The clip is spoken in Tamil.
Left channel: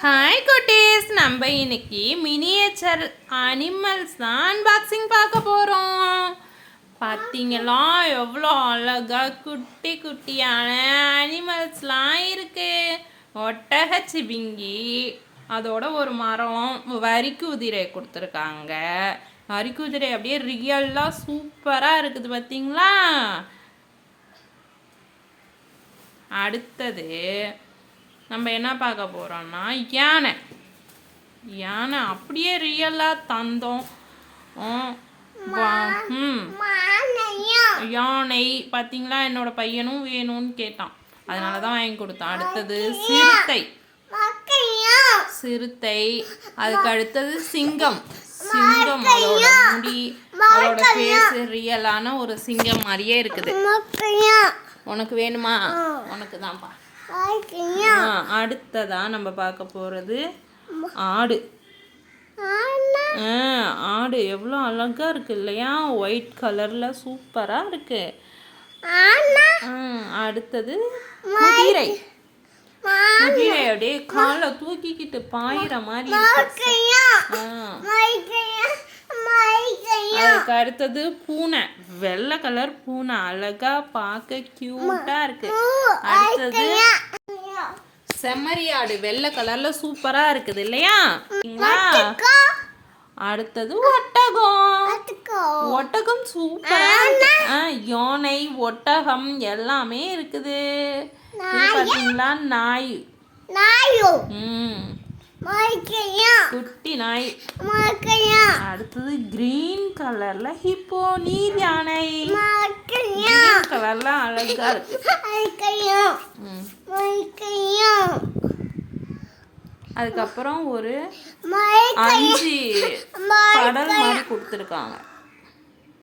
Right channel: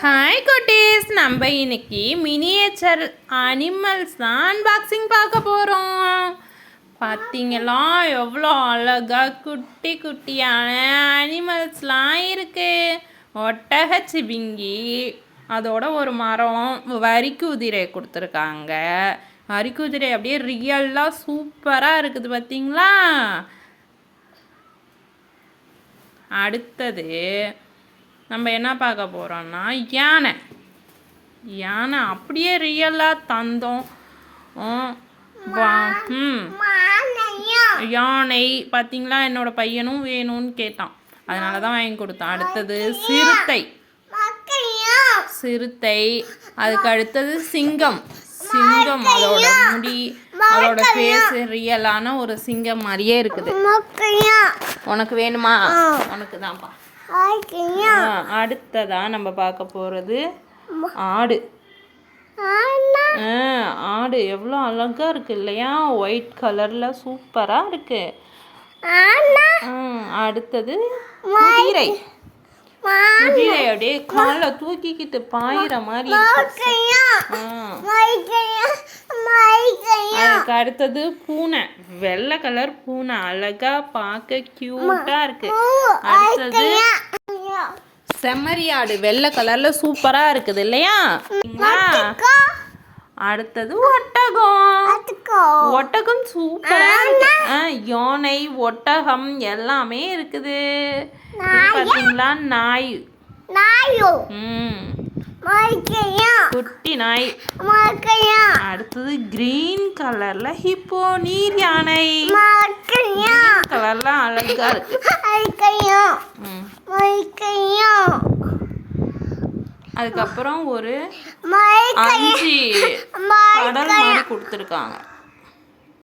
ஹாய் குட்டீஸ். நம்ம இன்னைக்கு மினியேச்சர் அனிமல்ஸ் தான் அன்பாக்சிங் பார்க்க போகிறோம் பார்த்தீங்களா எவ்வளோ அழகா குட்டி குட்டியான அனிமல்ஸ்லாம் இருக்குது ஒட்டக சிவிங்கி அதோட ஒரு மரம் வரிக்குதிரை கொடுத்துருக்காங்க. வரிக்குதிரை அப்படியே ரியலாக சூப்பராக இருக்குது பார்த்தீங்களா அடுத்தது நம்ம என்ன பார்க்க போகிறோம்னா யானை. யானை அப்படியே ரியலாக தந்தோம். யானை பார்த்தீங்களா? என்னோட பையனும் வேணும்னு கேட்டான். அதனால தான் வாங்கி கொடுத்தான். அடுத்தது சிறுத்தை. சிறுத்தை. அதுக்கு அடுத்தது சிங்கம். சிங்கம் அதோட முடி அதோட ஃபேஸ் ரியலான ஒரு சிங்கம் மாதிரியே இருக்குது. உனக்கு வேணுமா? உனக்கு தான்ப்பா. ஆ, அடுத்ததா நம்ம பார்க்க போகிறது ஆடு. ஆ, ஆடு எவ்வளோ அழகா இருக்கு இல்லையா? ஒயிட் கலரில் சூப்பராக இருக்கு. ம், அடுத்தது குதிரை. குதிரை அப்படியே காலை தூக்கிக்கிட்டு பாயிற மாதிரி அதுக்கு அடுத்தது பூனை. வெள்ளை கலர் பூனை. அழகா பார்க்க க்யூட்டா இருக்கு. அடுத்தது செம்மறி ஆடு வெள்ளை கலர்ல சூப்பரா இருக்குது இல்லையா? அடுத்தது ஒட்டகம். ஒட்டகம் சூப்பரா யானை ஒட்டகம் எல்லாமே இருக்குது. பாத்தீங்களா? நாய். ம். குட்டி நாய் அடுத்தது கிரீன் கலர்ல ஹிப்போ நீர் யானை. கலர்ல அழகா இருக்கு. அதுக்கப்புறம் ஒரு அஞ்சு கடல் மாதிரி கொடுத்துருக்காங்க.